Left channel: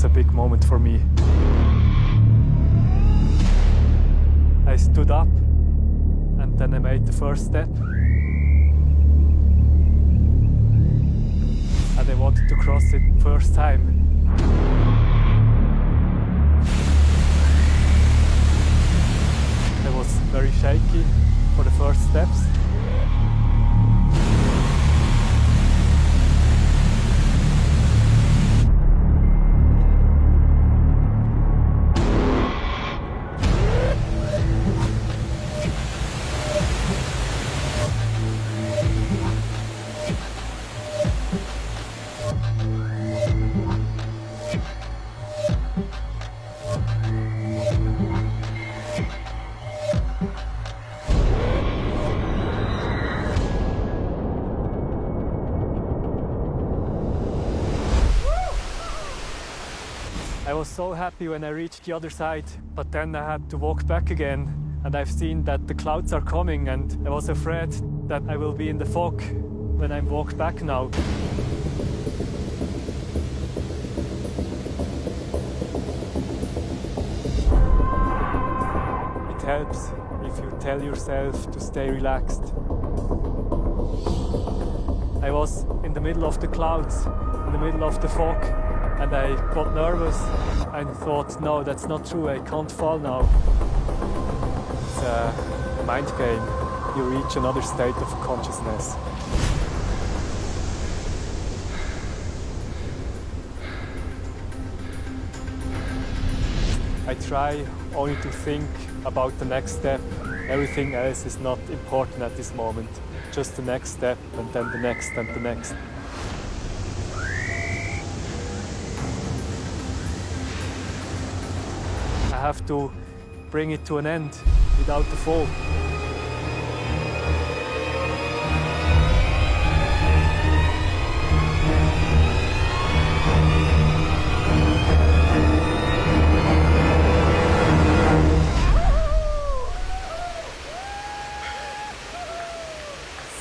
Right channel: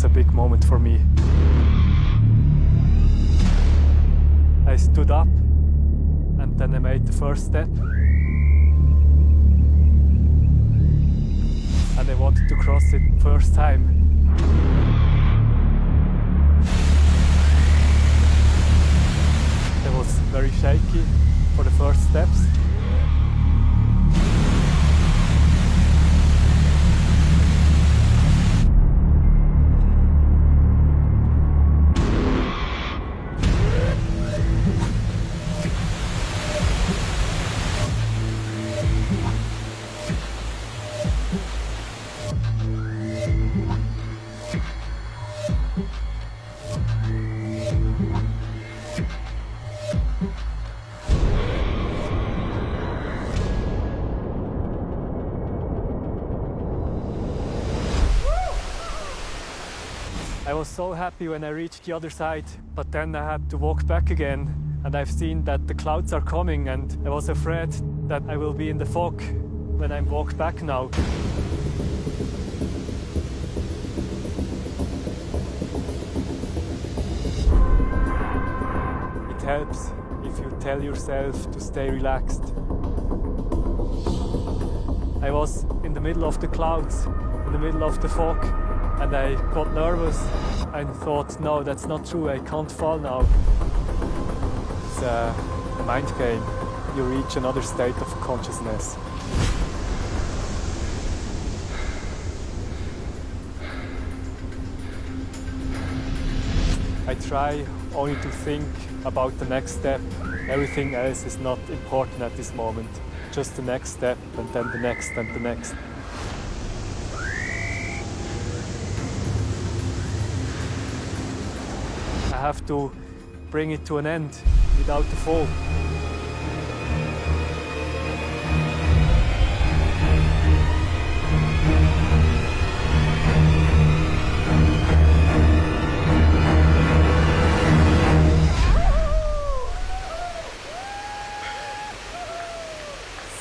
was a big moment for me. I stood up and then I made the first step. And I wanted to cross it first time. I was very shaky for the first steps. I was so happy when I reached the other side, but then I had to walk back again, and I've seen that the clouds are coming, and I was afraid that I will be in the fog when I walk back now. It helps if you tell yourself to stay relaxed. I was in the middle of the clouds, in the middle of the fog, and I got nervous and thought, no, that's not true, I can't fall now. It's a mind game. You reach another state of consciousness. I try only to think about the next step. Everything else is not important at this moment. Just the next step, and then the next, and the next. I have to bring it to an end without the fall.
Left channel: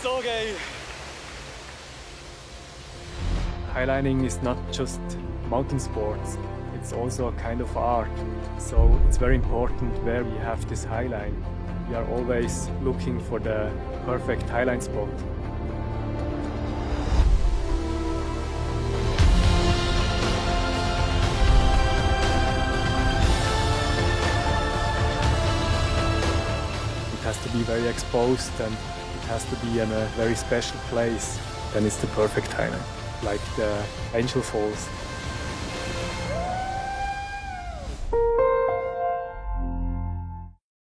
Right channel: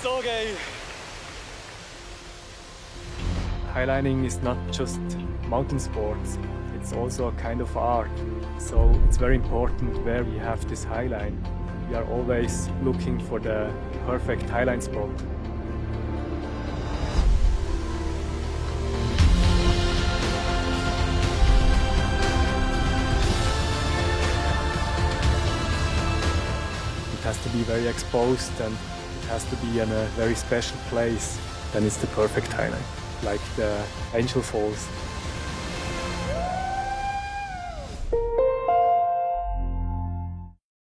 So gay! Highlining is not just mountain sports, it's also a kind of art. So it's very important where we have this highline. We are always looking for the perfect highline spot. It has to be very exposed and it has to be in a very special place. Then it's the perfect highline, like the Angel Falls.